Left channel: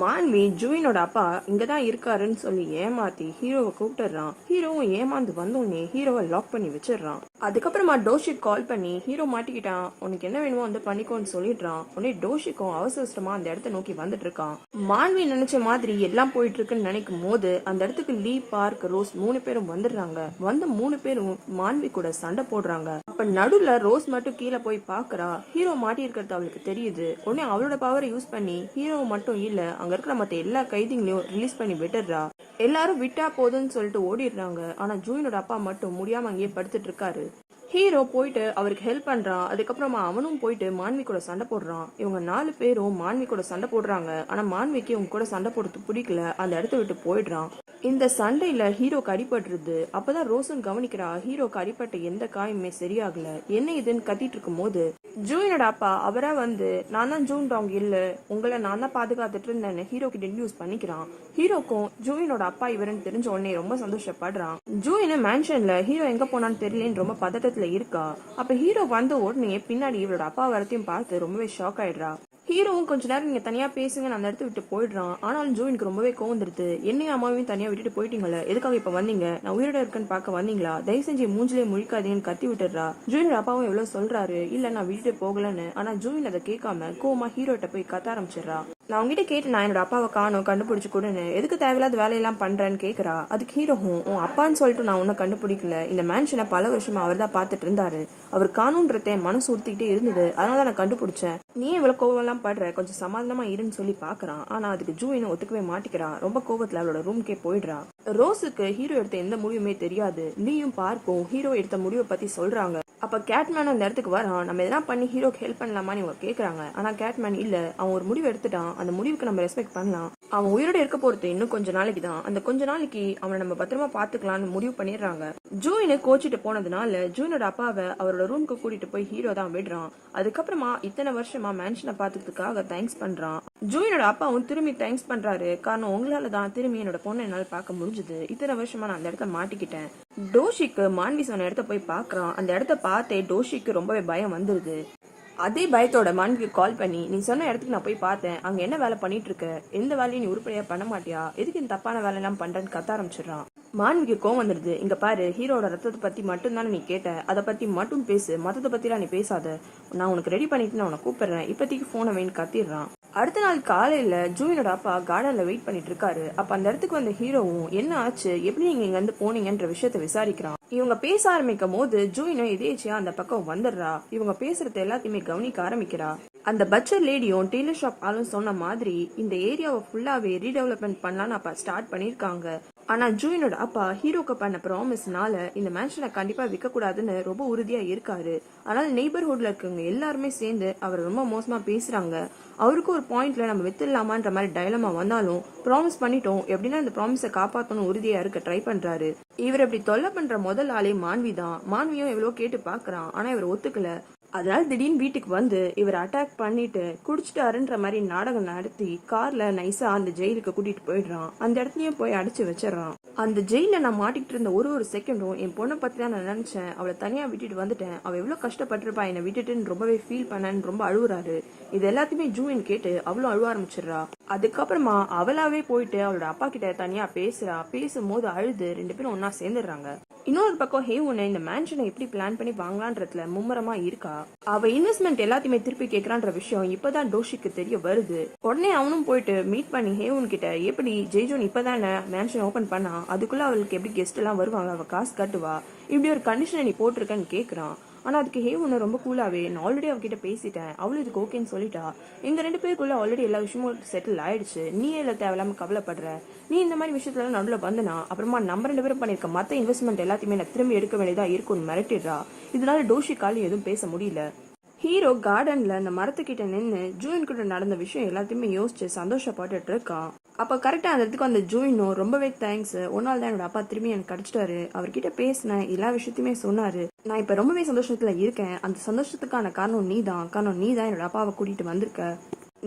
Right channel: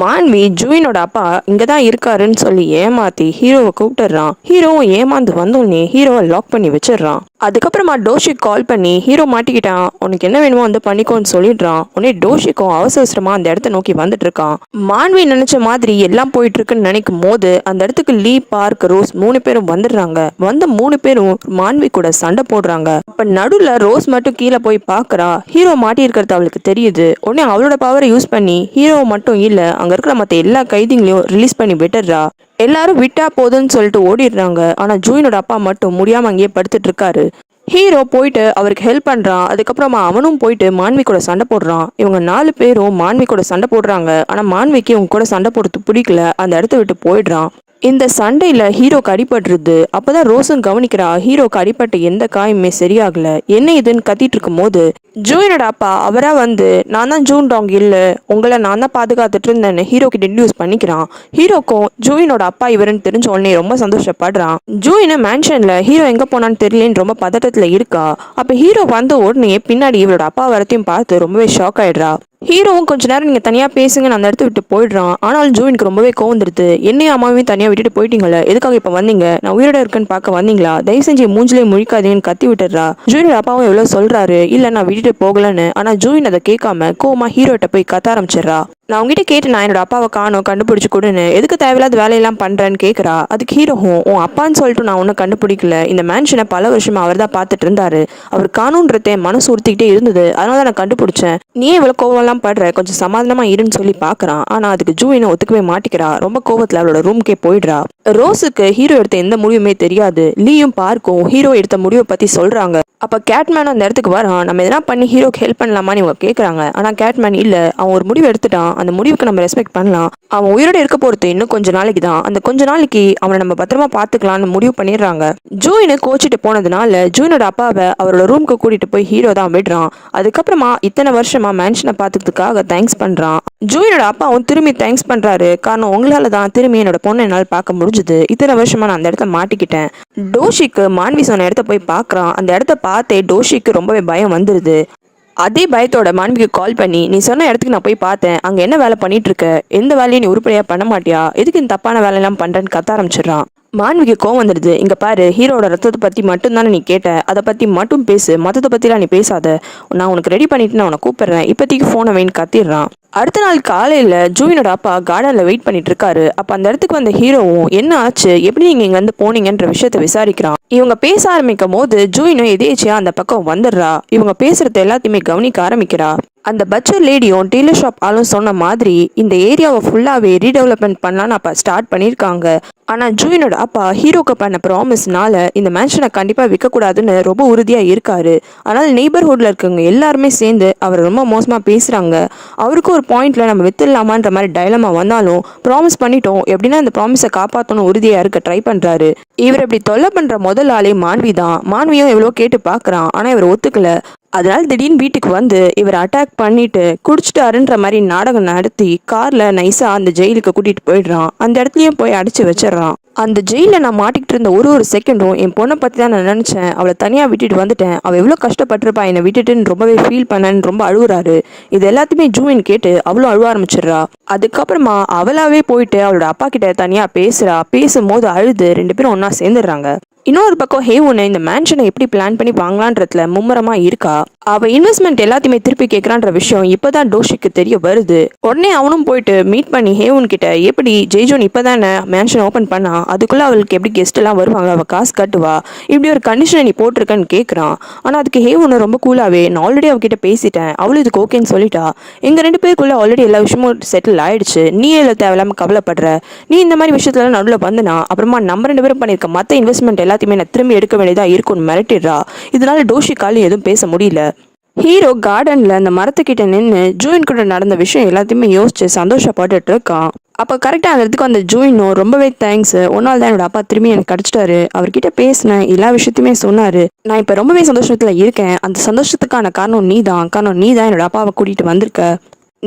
மான்வி ஜூயினோட அப்பா இங்கதான் இருக்காருன்னு சொல்லி ஏமாத்தி ஹீரோவை கூப்பிட்டுறான். ஹீரோவும் ஏமாந்து வந்தோடனே ஹீரோவை லாக் பண்ணி வச்சிடறான். அதுக்கப்புறமா டோஷிக் கால் பண்ணி ஹீரோ மாட்டிக்கிட்டான், உனக்கு என்ன வேணுமோ வந்து பண்ணிக்கோன்னு சொல்லிடுறான். உடனே டோஷிக்கும் அவசரமா அந்த இடத்த நோக்கி வந்துட்டு இருக்கான். மான்வி நினைச்ச மாதிரி எல்லாம் போயிட்டு இருக்குன்னு நினைக்கும் போது அந்த இடத்துக்கு லீ, பார்க், ரோஸ் 3 பேரும் வந்துடுறாங்க. வந்த 3 பேரும் மான்வி கூட சண்டை போடுறாங்க. அப்ப நடுவுல ரோஸ் மட்டும் கீழே போய் பாக்குறா. ஹீரோ மாட்டி இருக்கிறது அவளுக்கு தெரியுது. உடனே அவளோட பவரை யூஸ் பண்ணி ஹீரோ மட்டும் இல்ல அங்க இருக்கிற மத்த எல்லா கைதிங்களையும் ரிலீஸ் பண்ணி விட்டுறா. எல்லாரும் விட்டா போதுன்னு சொல்லிட்டு ஓடிடுறாங்க. ஆனா ஜூயினோட அப்பா மட்டும் முடியாம அங்கேயே படுத்துட்டு இருக்காரு. ஹீரோ போயிட்டு அவருக்கு ஹெல்ப் பண்றான். அதுக்கப்புறமா அவனும் போயிட்டு மான்வி கூட சண்டை போடுறான். இவங்க 4 பேரும் மான்வி கூட சண்டை போடுறாங்க. ஆனா மான்விக்கு இவங்க கூட சண்டை போடுறது பிடிக்கல, அந்த இடத்த விட்டு போயிடுறான். இந்த சண்டையில ஹீரோக்கு அடிபட்டுருது. அப்பதான் ரோஸும் கவனிக்கிறா ஹீரோக்கு அடிபட்ட எந்த காயமே சரியாகல. என்ன இதுன்னு கத்திட்டு இருக்கும் போது ஜூயினோட அப்பா அவரா வந்து, நான் தான் ஜூன் டாங் இல்ல, உங்களை நான் தான் பாதுகாத்துட்டு இருந்தேன்னு ஹீரோ கிட்ட இன்ட்ரடியூஸ் பண்ணிக்கிறான். ஹீரோக்கும் ஜூயினோட அப்பா இவருன்னு தெரிஞ்ச உடனே ரொம்ப சந்தோஷப்படுறான். ஜூயின மேன்ஷன்ல ஹீரோ எங்க போனான்னு தெரியலன்னு ரொம்ப பதட்டத்துல இருக்கா. அப்ப ஹீரோ வந்த உடனே பின்னாடி இவரோட அப்பா வரத்தையும் பார்த்து ரொம்பவே ஷாக் ஆயிடுறா. ஹீரோவும் கொஞ்ச நேரம் நீங்க தனியா பேசுங்கன்னு அந்த இடத்த விட்டு போயிடுறான். ஆனாலும் ஜூயினுக்கு ரொம்பவே கோவந்துருது. என்னையும் அம்மாவையும் தனியா விட்டுட்டு போயிட்டீங்களே, எதுக்காக இப்ப வந்தீங்க, நான் உயிரோட இருக்குன்னு பார்க்க வந்தீங்களா, தயவு செஞ்சு மூஞ்சிலே முழிக்காதீங்கன்னு கத்தி விட்டுறா. ஜூயினோட அப்பாவும் எவ்வளவு சொல்றாரு, இல்ல நான் விட்டுட்டு போகலன்னு. ஆனா ஜூயின் அதை கேட்காம கோவமா ஹீரோட்ட போய் கத்த ஆரம்பிச்சிடறா. நான் உங்ககிட்ட கேட்டு நான் என்னோட அப்பாவை காணோம் கண்டுபிடிச்சு கொடுன்னு, எதுக்கு தேவையில்லாத வேலையெல்லாம் பண்றேன்னு கேட்கறா. அதுக்கு ஹீரோவும், உன் அப்பான்னு சொல்லிட்டு நான் ஒன்னும் கண்டுபிடிக்கல, இந்த மேன்ஷனை பல வருஷமா அவர் தான் பார்த்துட்டு இருந்தாரு, அவர் காணுன்றதே மனசு உறுத்திக்கிட்டே இருந்தது, அதனால தான் நான் கண்டுபிடிச்சேன், நீ இவ்வளவு கோவம்லாம் படுற, கொஞ்சம் சமாதானமா இருன்னு சொல்லி பாக்குறான். ஆனா அதுக்கு ஜூயினை ஒத்துக்கவே மாட்டிக்கிறா. ரொம்ப கோவத்துல அவளோட ரூம்கே போயிடுறா. ரோஸுக்கு ஹீரோ எடுத்த எந்த முடிவுமே தெரியாது. லீயும் பார்க்கும் ஹீரோ எடுத்த முடிவை பத்தி சொல்றாங்க. அப்ப கேட்மேன் அந்த இடத்துக்கு வரான். நம்ம எதனா பண்ணி ஹீரோக்கு ஹெல்ப் பண்ணலாமான்னு இவங்க கேட்கறாங்க. ஆனா கேட்மேன் இல்ல, அவன் ஒரு முடிவு எடுத்துட்டான், அந்த முடிவுக்கு நம்ம ரெஸ்பெக்ட் பண்ணலாம், அவன் உயிரோட இருக்க போறது இன்னும் கொஞ்ச நாளைக்கு தான், அந்த கொஞ்ச நாளைக்கு அவனை நம்ம பத்திரமா பாத்துக்கலாம்னு முடிவு பண்ணிடுறாங்க. ஜூயினு கோச்சிட்டு போனதுனால ஜூயினோட அப்பாவை அவரோட ரூம்க்கு கூட்டிட்டு போய் ஹீரோ தான் விடுறான். அதுக்கப்புறமா இத்தனை வருஷமா மேன்ஷனை பாத்துக்கிறதுக்காக தேங்க்ஸ் பண்றான். ஜூயினோட அப்பாவும் திரும்பி தேங்க்ஸ் பண்றாரு. காரணம் உங்களால தான் திரும்பி என்னோட பொண்ணை என்னால் பார்க்க முடிஞ்சது, இத்தனை வருஷமா நான் அந்த இடத்த மாட்டிக்கிட்டேன். டோஷிக்கு மான்வி சொன்ன இடத்த போய் பாக்குறான். அந்த இடத்த பார்த்தே டோஷிக்கு ரொம்பவே பயம் வந்துருது. அதே பயத்தோட மான்விக்கு கால் பண்ணி, நீ சொன்ன இடத்துக்கு நான் போய் பார்த்தேன், அங்க என்ன வேலை பண்ணிட்டு இருக்க, எந்த வேலையும் நீ உருப்படியா பண்ண மாட்டியா, எதுக்கு இந்த தப்பான வேலையெல்லாம் பண்றேன்னு கத்த ஆரம்பிச்சிடறான். மான்விக்கு கோவம் வந்துடுது. இங்க பாரு, ஹீரோட ரத்தத்தை பத்தி மட்டும் தானே நீ கேட்ட, அதை பத்தி மட்டும் பேசு, மத்தத்தை பத்திலாம் நீ பேசாத, நான் உனக்கு ரெடி பண்ணிட்டு நான் உனக்கு கூப்பிடுறேன், இப்போதைக்கு போனை வைன்னு கத்திடுறான். அடுத்த நாள் காலையில ஜூயினோட அப்பா கார்டன்ல வெயிட் பண்ணிட்டு இருக்காரு. அப்ப அந்த இடத்துக்கு வந்த ஹீரோவும், என்ன ஆச்சு, எப்படி நீங்க இங்க வந்து போனீங்கன்ற விஷயத்த விசாரிக்கிறான். இவங்க பேச ஆரம்பிக்கும் போது ஜூயினும் எதேச்சியா அந்த பக்கம் வந்துடுறா. இவங்க பேசுறது எல்லாத்தையுமே கவனிக்க ஆரம்பிக்கிறா. அந்த பட்ஜெட் லேடியும் டெய்லர் ஷாப் ஆளும் சொன்ன மாதிரி இந்த ஏரியாவை ஃபுல்லாவே ரீடெவலப்மெண்ட் பண்ணலான்னு அப்ப ஸ்டார்ட் பண்ணியிருக்காங்க. ஆனா ஜூயினோட அப்பா ஹீரோக்கு பண்ண ப்ராமிஸ்னால இந்த மேன்ஷனை கண்டிப்பா விற்க கூடாதுன்னு ரொம்ப உறுதியா இருக்காரு. ஆனால் நெய்பர்ஹுட்ல இருக்கவங்க எல்லாருமே சேர்ந்து அவர் ரொம்ப மோசமா பேசுறாங்க. அவருக்கு ஒரு பாயிண்ட்ல நம்ம வித்துடலாமான்ற மாதிரி டைலமா வந்தாலும் ப்ராமிஸ் பண்ணிட்டோம், எப்படின்னா இந்த ப்ராமிஸை காப்பாற்றணும் உறுதியா இருக்க ட்ரை பண்றாரு. இவர் இப்படி தொல்லை பண்ற முதல் ஆளே மான்வி தான். மான்வியும் எவ்வளோ கேட்டு பாக்குறான், ஆனா இவர் ஒத்துக்கல. அதனால திடீர்னு வீட்டுக்கு வந்து இவர் அட்டாக் பண்ணிட்டு குடிச்சிட்டாருன்ற மாதிரி நாடகம் நடத்தி கார்ல நைஸா அந்த ஜெயிலுக்கு கூட்டிட்டு போயிடுறான். அந்த இடத்துலயும் போய் அடிச்சு வச்சிடறான். அந்த ஜெயில நான் மாட்டிக்கிட்டு இருந்த ஒரு செகண்டும் என் பொண்ணை பத்தி தான் நான் நினைச்சேன், அவளை தனியா விட்டுட்டு வந்துட்டேன், அவள் எவ்வளவு கஷ்டப்பட்டிருப்பா என்னை விட்டுட்டுன்னு ரொம்பவே ஃபீல் பண்ணன்னு ரொம்ப அழுகுறாரு. இது எல்லாத்தையுமே ஜூயின் கேட்டு அவளும் அழுவ ஆரம்பிச்சிடுறா. அதுக்கப்புறமா அவளாவே போயிட்டு அவளோட அப்பா கிட்ட தனியா பேசுறா. பேசும்போது அழுது 2 பேரும் ஒன்னா சேர்ந்துடுறாங்க. இன்னொரு பக்கம் ஹேவுன் இந்த மேன்ஷனை எப்படி பிளான் பண்ணி வாங்கலான்றதுல மும்முரமா இருக்கா. அவ இன்வெஸ்ட்மெண்ட் எல்லாத்தையுமே திருப்பி கேட்கறான்ற விஷயம் இப்பதான் டோஷிக்கு தெரிய வருது. உடனே அவனும் போயிட்டு மீட் பண்ணி ஹேவுன் கிட்ட, எப்படி ஜெய்ஜோன் இப்பதானே மேன்ஷன் ஓபன் பண்ணா, அதுக்குள்ள அவளுக்கு எப்படி கெஸ்ட் எல்லாம் வருவாங்க, அவ காசு கட்டுவா, இப்படி ஒரு கண்டிஷனை நீ போட்டிருக்கன்னு கேட்கறான். ஆனா அதுக்கு ஹேவுன் ரொம்ப கூலாவே, நான் ஆல்ரெடி அவகிட்ட பேசிட்டேன், அவளும் இதுக்கு ஓகேன்னு சொல்லிட்டா, எங்க 2 பேருக்குள்ள ஆல்ரெடி எல்லா விஷயமும் செட்டில் ஆயிடுச்சு, நீ எல்லாம் தேவையில்லாம கவலைப்படுற, நீ இந்த மாதிரி விஷயத்துல நடுவில் வந்துனா அப்புறமா நம்ம 2 பேரும் பண்ணிருக்க மத்த இன்வெஸ்ட்மெண்ட் எல்லாத்தையுமே நான் திரும்பி எடுக்க வேண்டியதா இருக்கும்னு மிரட்டிடுறா. இதனால டோஷிக்காலும் எதுவும் பேச முடியல. ஹீரோ கார்டன்ல அந்த மரத்துக்கிட்ட நின்று ஜூயின் கூட நடந்த விஷயம் எல்லாத்தையுமே யோசிச்சு சந்தோஷப்பட்டுட்டு இருக்கான். அப்ப கரெக்டா அந்த இடத்துக்கு அந்த ஜூயினும், ரொம்பவே தேங்க்ஸ், ஒன்னால தான் என்னோட அப்பா திரும்பி எனக்கு கிடைச்சிட்டாரு, அவர்கிட்ட பேசினேன், எல்லா விஷயத்தையுமே சொன்னாரு, நான் இப்ப ரொம்பவே சந்தோஷத்துல இருக்கேன், அந்த சந்தோஷத்துக்கான காரணம் நீ தான் என்னோட அப்பாவை கூட்டிட்டு வந்திருக்க,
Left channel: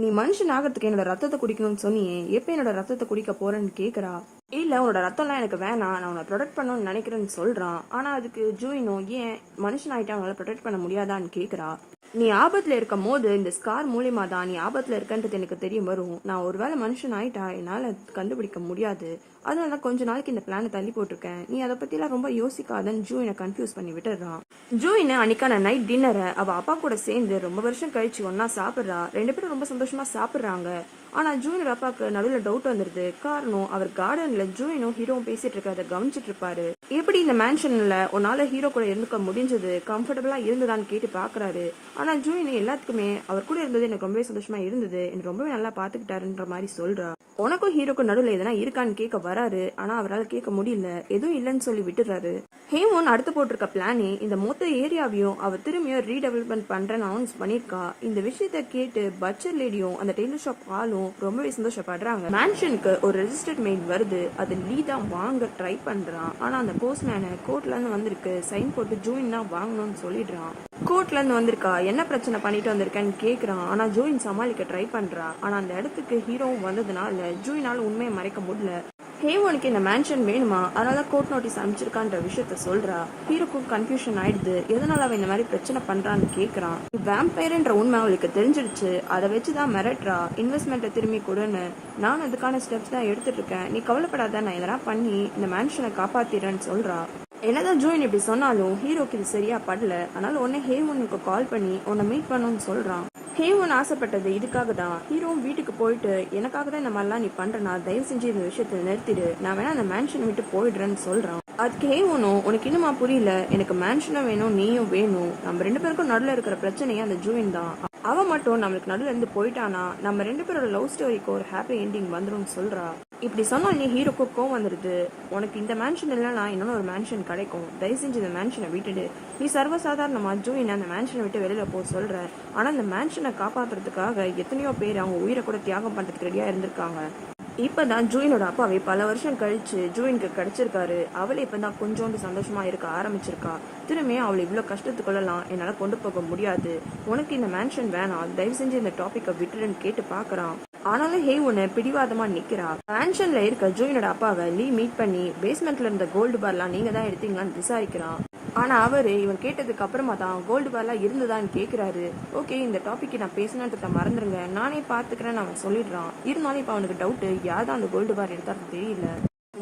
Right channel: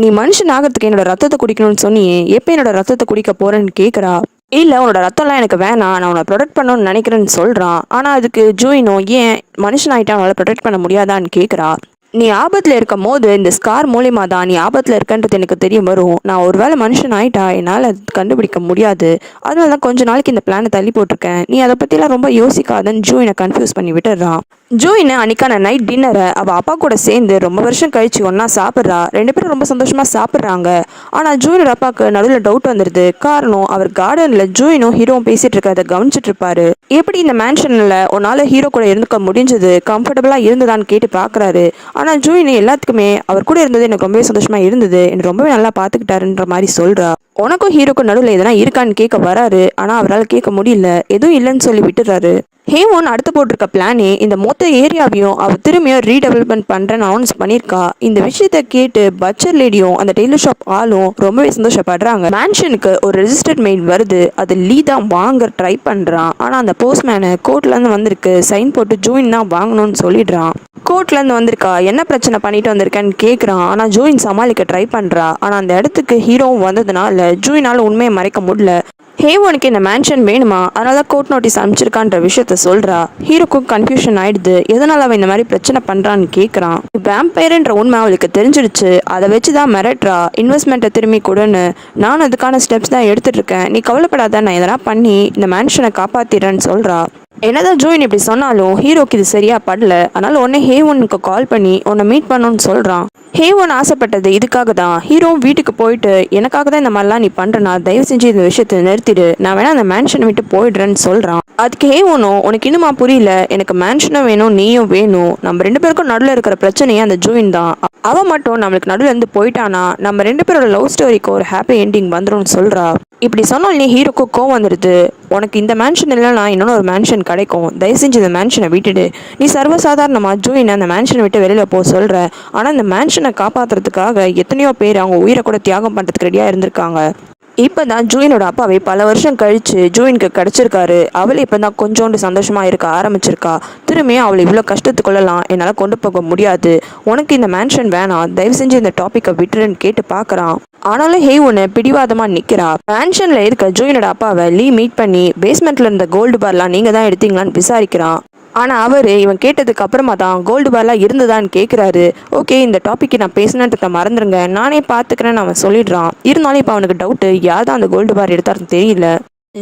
நீ மனுஷன் ஆகிறதுக்கு என்னோட ரத்தத்தை குடிக்கணும்னு சொன்னியே, எப்ப என்னோட ரத்தத்தை குடிக்க போறேன்னு கேட்கறா. இல்ல உன்னோட ரத்தம்லாம் எனக்கு வேணாம், நான் உன்னை ப்ரொடெக்ட் பண்ணணும்னு நினைக்கிறேன்னு சொல்றான். ஆனா அதுக்கு ஜூயினோ, ஏன் மனுஷன் ஆயிட்டா அவனால ப்ரொடெக்ட் பண்ண முடியாதான்னு கேட்கறா. நீ ஆபத்தில் இருக்கும் போது இந்த ஸ்கார் மூலியமா தான் நீ ஆபத்தில் இருக்கன்றது எனக்கு தெரிய வரும். நான் ஒரு வேளை மனுஷன் ஆயிட்டா என்னால் அது கண்டுபிடிக்க முடியாது. அதனால தான் கொஞ்ச நாளைக்கு இந்த பிளானை தள்ளி போட்டிருக்கேன். நீ அதை பற்றிலாம் ரொம்ப யோசிக்காதன்னு ஜூயினை கன்ஃபியூஸ் பண்ணி விட்டுறான். ஜூயின் அன்னைக்கான நைட் டின்னரை அவள் அப்பா கூட சேர்ந்து ரொம்ப வருஷம் கழிச்சு ஒன்றா சாப்பிட்றா. ரெண்டு பேரும் ரொம்ப சந்தோஷமாக சாப்பிட்றாங்க. ஆனால் ஜூயினோட அப்பாவுக்கு நடுவில் டவுட் வந்துடுது. காரணம், அவர் கார்டனில் ஜூயினும் ஹீரோவும் பேசிகிட்டு இருக்கிறத கவனிச்சிட்டு இருப்பாரு. எப்படி இந்த மேன்ஷனில் உன்னால் ஹீரோ கூட இருந்துக்க முடிஞ்சது, கம்ஃபர்டபுளாக இருந்ததான்னு கேட்டு பார்க்குறாரு. ஆனால் ஜூயின் எல்லாத்துக்குமே அவர் கூட இருந்தது எனக்கு ரொம்பவே சந்தோஷமாக இருந்தது, எனக்கு ரொம்பவே நல்லா பார்த்துக்கிட்டாருன்ற மாதிரி சொல்கிறா. உனக்கும் ஹீரோக்கும் நடுவில் எதனா இருக்கான்னு கேட்க வராரு. ஆனால் அவரால் கேட்க முடியல. எதுவும் இல்லைன்னு சொல்லி விட்டுறாரு. ஹேமோன் அடுத்து போட்டிருக்க பிளானே இந்த மொத்த ஏரியாவையும் அவள் திரும்பியும் ரீடெவலப்மெண்ட் பண்ணுறேன்னு அனௌன்ஸ் பண்ணியிருக்கா. இந்த விஷயத்த கேட்டு பட்சர் லேடியும் அந்த டெய்லர் ஷாப் ஆளும் ரொம்பவே சந்தோஷப்படுறாங்க. மேன்ஷனுக்கு ஒரு ரெஜிஸ்டர்ட் மெயில் வருது. அது லீ தான் வாங்க ட்ரை பண்ணுறான். ஆனால் அந்த போஸ்ட்மேனு கோர்ட்லேருந்து வந்திருக்கு, சைன் போட்டு ஜூயின் தான் வாங்கணும்னு சொல்லிடுறான். கோர்ட்லேருந்து வந்திருக்கா, என்ன பிரச்சனை பண்ணிட்டு வந்திருக்கேன்னு கேட்குறான். ஆனால் ஜூயின் சமாளிக்க ட்ரை பண்ணுறா. ஆனால் அந்த இடத்துக்கு ஹீரோவும் வந்ததுனால ஜூயினால் உண்மையை மறைக்க முடியல. ஹேவோனுக்கு இந்த மேன்ஷன் வேணுமா, அதனால தான் கோர்ட் நோட்டீஸ் அனுப்பிச்சிருக்கான்ற விஷயத்த சொல்கிறா. ஹீரோக்கும் கன்ஃபியூஷன் ஆயிடுது. எதனால் அவன் இந்த மாதிரி பிரச்சனை பண்ணுறான்னு கேட்குறான். வேம்பயர்ன்ற உண்மை அவளுக்கு தெரிஞ்சிடுச்சு. அதை வச்சு தான் மிரட்டுறா. இன்வெஸ்ட்மெண்ட்டை திரும்பி கொடுன்னு. நான் அதுக்கான ஸ்டெப்ஸ் தான் எடுத்துகிட்டு இருக்கேன், நீ கவலைப்படாத, நான் எதனா பண்ணி இந்த மேன்ஷனை காப்பாற்றிடுறேன்னு சொல்கிறா. என்னதான் ஜூயின் இப்படி சொன்னாலும் ஹீரோக்கு இது சரியா படல. அதனால உடனே ஹேவனுக்கு கால் பண்ணி உன்னை மீட் பண்ணணும்னு சொல்கிறான். ஹேவன் ஆசைப்பட்டது இதுக்காக தான். ஹீரோ வீட்டுக்கு போயிட்டு எனக்காக தான் இந்த மாதிரிலாம் நீ பண்ணுறனா, தயவு செஞ்சு இந்த விஷயத்தை நிறுத்திடு, நான் வேணா அந்த மேன்ஷனை விட்டு போயிடுறேன்னு சொல்கிறான். அதுக்கு ஹேவனும் உனக்கு இன்னுமா புரியல, எனக்கு மேன்ஷனும் வேணும் நீயும் வேணும், நம்ம ரெண்டு பேருக்கும் நடுவில் இருக்கிற பிரச்சனையே அந்த ஜூயின் தான். அவன் மட்டும் நம்மளுக்கு நடுவில் இருந்து போயிட்டானா நம்ம ரெண்டு பேரோட லவ் ஸ்டோரிக்கு ஒரு ஹாப்பி எண்டிங் வந்துடும் சொல்கிறா. இப்படி சொன்னாலே ஹீரோக்கு கோவம் வந்துடுது. உனக்கு இந்த மேன்ஷன் இல்லைனா இன்னொன்று ஒரு மேன்ஷன் கிடைக்கும், தயவு செஞ்சு இந்த மேன்ஷனை விட்டுடு. நீ சர்வசாதாரணமாக ஜூயின் அந்த மேன்ஷனை விட்டு வெளியில் போக சொல்கிற. ஆனால் இந்த மேன்ஷனை காப்பாற்றுறதுக்காக எத்தனையோ பேர் அவங்க உயிரை கூட தியாகம் பண்ணுறதுக்கு ரெடியாக இருந்திருக்காங்க. இப்போ தான் ஜூயினோட அப்பாவை பல வருஷம் கழித்து ஜூயினுக்கு கிடச்சிருக்காரு. அவளை இப்போ தான் கொஞ்சோண்டு சந்தோஷமாக இருக்க ஆரம்பிச்சிருக்கா. திரும்பியும் அவளை இவ்வளோ கஷ்டத்துக்குள்ளலாம் என்னால் கொண்டு போக முடியாது, உனக்கு இந்த மேன்ஷன் வேணாம், தயவு செஞ்சு இந்த டாப்பிக்கை விட்டுருன்னு கேட்டு பார்க்குறான். ஆனாலும் ஹேவனு பிடிவாதமாக நிற்கிறா. மேன்ஷனில் இருக்க ஜூயினோட அப்பாவை லீ மீட் பண்ணி பேஸ்மெண்ட்டில் இருந்த கோல்டு பார்லாம் நீங்கள் தான் எடுத்தீங்களான்னு விசாரிக்கிறான். ஆனால் அவர் இவன் கேட்டதுக்கு அப்புறமா தான் கோல்டு பார்லாம் இருந்ததான்னு கேட்குறாரு. ஓகே, இந்த டாப்பிக்கு நான் பேசினன்றதை மறந்துடுங்க, நானே பார்த்துக்கிறேன்னு அவன் சொல்லிடுறான். இருந்தாலும் இப்போ அவனுக்கு டவுட்டு, யார் தான் அந்த கோல்டு பார் எடுத்தாருன்னு தெரியல.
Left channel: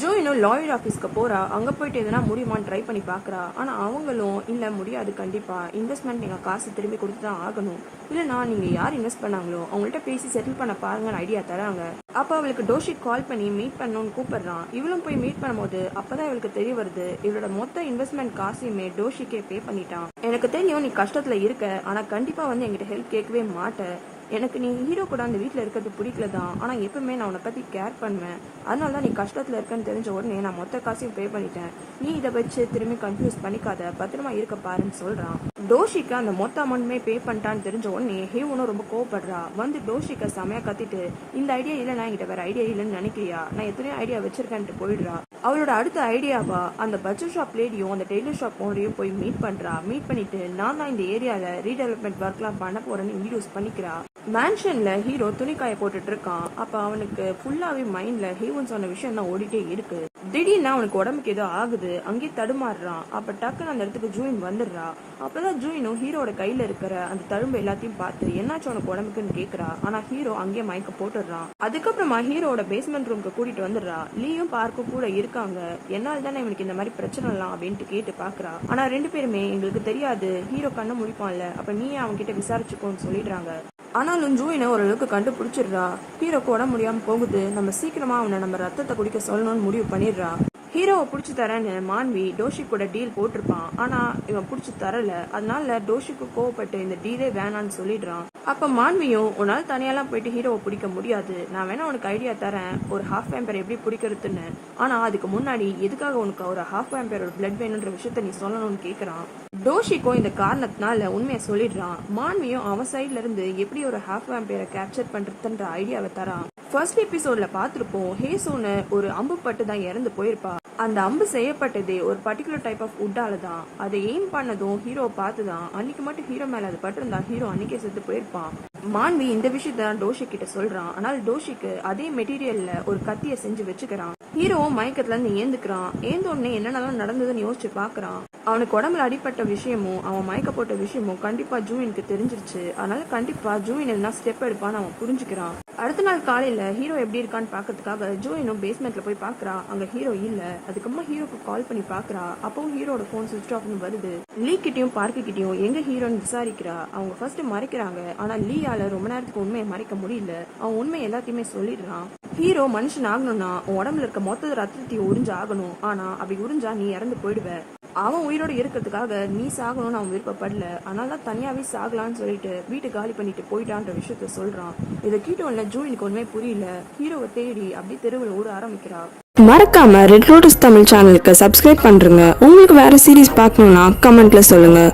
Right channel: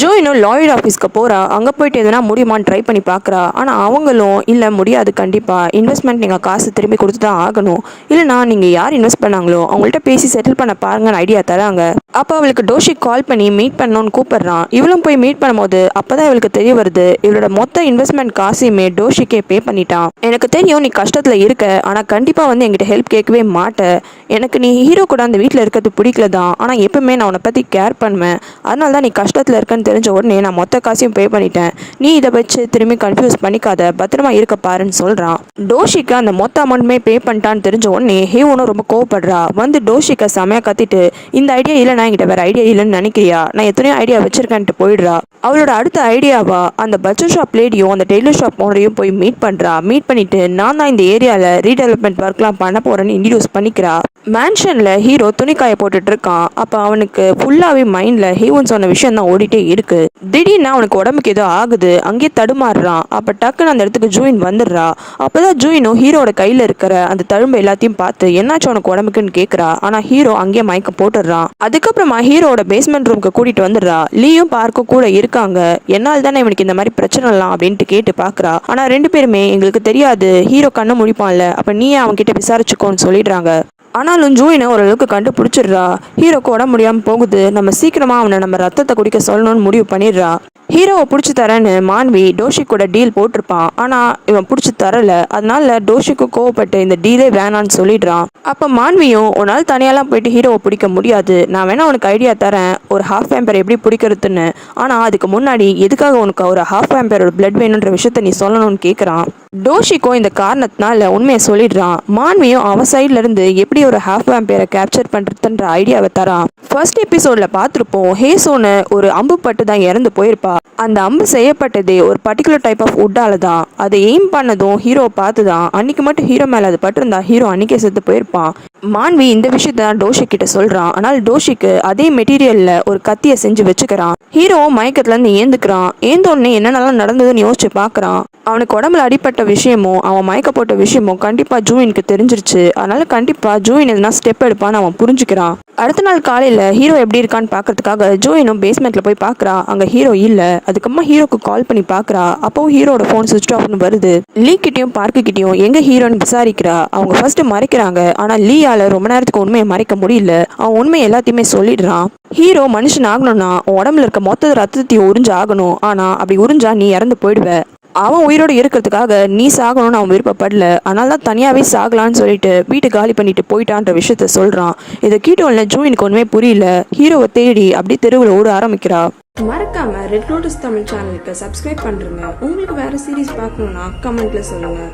ஜோயினும் லாயர் ஆஃபீஸ்க்கு போகிறா. அங்கே போயிட்டு எதனா முடியுமான்னு ட்ரை பண்ணி பார்க்குறா. ஆனால் அவங்களும் இல்லை முடியாது, கண்டிப்பாக இன்வெஸ்ட்மெண்ட் நீங்கள் காசு திரும்பி கொடுத்து தான் ஆகணும், இல்லைனா நீங்கள் யார் இன்வெஸ்ட் பண்ணாங்களோ அவங்கள்ட்ட பேசி செட்டில் பண்ண பாருங்கன்னு ஐடியா தராங்க. அப்போ அவளுக்கு டோஷிக் கால் பண்ணி மீட் பண்ணணும்னு கூப்பிடுறான். இவளும் போய் மீட் பண்ணும்போது அப்போ தான் இவளுக்கு தெரிய வருது, இவளோட மொத்த இன்வெஸ்ட்மெண்ட் காசையுமே டோஷிக்கே பே பண்ணிட்டான். எனக்கு தெரியும் நீ கஷ்டத்தில் இருக்க, ஆனால் கண்டிப்பாக வந்து என்கிட்ட ஹெல்ப் கேட்கவே மாட்டேன். எனக்கு நீ ஹீரோ கூட அந்த வீட்டில் இருக்கிறது பிடிக்கல தான், ஆனால் எப்பவுமே நான் உன்னை பற்றி கேர் பண்ணுவேன். அதனால தான் நீ கஷ்டத்தில் இருக்கன்னு தெரிஞ்ச உடனே நான் மொத்த காசையும் பே பண்ணிட்டேன். நீ இதை வச்சு திரும்பி கன்ஃபியூஸ் பண்ணிக்காத, பத்திரமா இருக்க பாருன்னு சொல்கிறான். டோஷிக்கு அந்த மொத்த அமௌண்ட்டுமே பே பண்ணிட்டான்னு தெரிஞ்ச உடனே ஹேவனும் ரொம்ப கோவப்படுறா. வந்து டோஷிக்கை செமையாக கத்திட்டு, இந்த ஐடியா இல்லை, நான் என்கிட்ட வேறு ஐடியா இல்லைன்னு நினைக்கிறியா, நான் எத்தனையோ ஐடியா வச்சிருக்கேன்ட்டு போயிடுறா. அவளோட அடுத்த ஐடியாவா அந்த பட்ஜெட் ஷாப் லேடியும் அந்த டெய்லர் ஷாப் ஓனரையும் போய் மீட் பண்ணுறா. மீட் பண்ணிட்டு நான் தான் இந்த ஏரியாவில் ரீடெவலப்மெண்ட் ஒர்க்லாம் பண்ண போகிறேன்னு இன்ட்ரடியூஸ் பண்ணிக்கிறா. மேன்ஷனில் ஹீரோ துணிக்காய போட்டுட்டு இருக்கான். அப்போ அவனுக்கு ஃபுல்லாகவே மைண்டில் ஹீரோன்னு சொன்ன விஷயம் தான் ஓடிட்டே இருக்கு. திடீர்னு அவனுக்கு உடம்புக்கு ஏதோ ஆகுது, அங்கேயே தடுமாறுறான். அப்போ டக்குன்னு அந்த இடத்துக்கு ஜூயின் வந்துடுறா. அப்போதான் ஜூயினும் ஹீரோட கையில் இருக்கிற அந்த தழும்பு எல்லாத்தையும் பார்த்து என்னாச்சும் உனக்கு உடம்புக்குன்னு கேட்குறா. ஆனால் ஹீரோ அங்கேயே மயக்க போட்டுடுறான். அதுக்கப்புறமா ஹீரோட பேஸ்மெண்ட் ரூமுக்கு கூட்டிட்டு வந்துடுறா. லீயும் பார்க்கும் கூட இருக்காங்க. என்னால் தானே இவனுக்கு இந்த மாதிரி பிரச்சனைலாம் அப்படின்ட்டு கேட்டு பார்க்குறா. ஆனால் ரெண்டு பேருமே எங்களுக்கு தெரியாது, ஹீரோ கண்ணை முடிப்பான்ல, அப்போ நீயே அவன்கிட்ட விசாரிச்சுக்கோன்னு சொல்லிடுறாங்க. ஆனாலும் ஜூயினை ஓரளவுக்கு கண்டுபிடிச்சிடுறா. ஹீரோக்கு உடம்பு முடியாமல் போகுது, நம்ம சீக்கிரமாக அவனை நம்ம ரத்தத்தை குடிக்க சொல்லணும்னு முடிவு பண்ணிடுறா. ஹீரோவை பிடிச்சி தரேன்னு மான்வி டோஷிக் கூட டீல் போட்டிருப்பான். ஆனால் இவன் பிடிச்சி தரல. அதனால டோஷிக்கு கோவப்பட்டு இந்த டீலே வேணான்னு சொல்லிடுறான். அப்போ மான்வியும் உன்னால் தனியாலாம் போயிட்டு ஹீரோவை பிடிக்க முடியாது, நான் வேணா உனக்கு ஐடியா தரேன், ஒரு ஹாஃப் வேம்பர் எப்படி பிடிக்கிறதுன்னு. ஆனால் அதுக்கு முன்னாடி எதுக்காக உனக்கு ஒரு ஹாஃப் வேம்பரோட பிளட் வேணுன்ற விஷயத்த நீ சொல்லணும்னு கேட்குறான். டோஷிக்கும் இந்த காரணத்தினால உண்மையை சொல்லிடுறான். மான்வியும் அவன் சைட்ல இருந்து எப்படி ஒரு ஹாஃப் வேம்பரை கேப்சர் பண்றதுன்ற ஐடியாவை தரான். ஃபர்ஸ்ட் எபிசோட்ல பார்த்துருப்போம், ஹேசோன்னு ஒரு அம்பு பட்டு தான் இறந்து போயிருப்பா. அந்த அம்பு செய்யப்பட்டதே ஒரு பர்டிகுலர் டைப் ஆஃப் உட்டால தான். அதை எய்ம் பண்ணதும் ஹீரோ பார்த்து தான். அன்னைக்கு மட்டும் ஹீரோ மேலே அது பட்டிருந்தா ஹீரோ அன்னைக்கே செத்து போயிருப்பான். மான்வி இந்த விஷயத்த டோஷி கிட்ட சொல்றான். ஆனால் டோஷிக்கு அதே மெட்டீரியல்ல ஒரு கத்தியை செஞ்சு வச்சுக்கிறான். ஹீரோ மயக்கத்துல இருந்து ஏந்துக்கிறான். ஏந்தோடனே என்னென்னலாம் நடந்ததுன்னு யோசிச்சு பாக்குறான். அவனுக்கு உடம்புல அடிப்பட்ட விஷயமும் அவன் மயக்க போட்ட விஷயமும் கண்டிப்பா ஜூயினுக்கு தெரிஞ்சிருச்சு. அதனால கண்டிப்பா ஜூயின் எதுனா ஸ்டெப் எடுப்பான்னு அவன் புரிஞ்சுக்கிறான். அடுத்த நாள் காலையில ஹீரோ எப்படி இருக்கான்னு பாக்கிறதுக்காக ஜூயினும் பேஸ்மெண்ட்ல போய் பாக்குறா. அங்க ஹீரோ இல்ல. அதுக்கப்புறமா ஹீரோக்கு கால் பண்ணி பாக்குறா. அப்போ ஹீரோட போன் சுவிட்ச் ஆஃப்னு வருது. லீ கிட்டயும் பார்க்கு கிட்டயும் எங்க ஹீரோன்னு விசாரிக்கிறா. அவங்க ஃபர்ஸ்ட் மறைக்கிறாங்க. ஆனா லீயால ரொம்ப நேரத்துக்கு உண்மையை மறைக்க முடியல. அவன் உண்மை எல்லாத்தையுமே சொல்லிடுறான். ஹீரோ மனுஷன் ஆகணும்னா உடம்புல இருக்க மொத்த ரத்தத்தையும் உறிஞ்சு ஆகணும். ஆனா அப்படி உறிஞ்சா நீ இறந்து போயிடுவ. அவன் உயிரோடு இருக்கிறதுக்காக நீ சாகணும்னு அவன் விருப்பப்படல. அதனால தான் தனியாவே சாகலான்னு சொல்லிட்டு வீட்டை காலி பண்ணிட்டு போயிட்டான்ற விஷயத்த சொல்றான். இதை கீட்டோன்ல ஜூயினுக்கு ஒண்ணுமே புரியல. ஹீரோவை தேடி அப்படி தெருவில் ஓட ஆரம்பிக்கிறா. மறக்காம ரெட் லோட்டஸ் தமிழ் சேனலுக்கு சப்ஸ்கிரைப் பண்றேங்க. உங்களுக்கு வேற சீரிஸ் பார்க்கணும்னா கமெண்ட்ல சொல்லுங்க.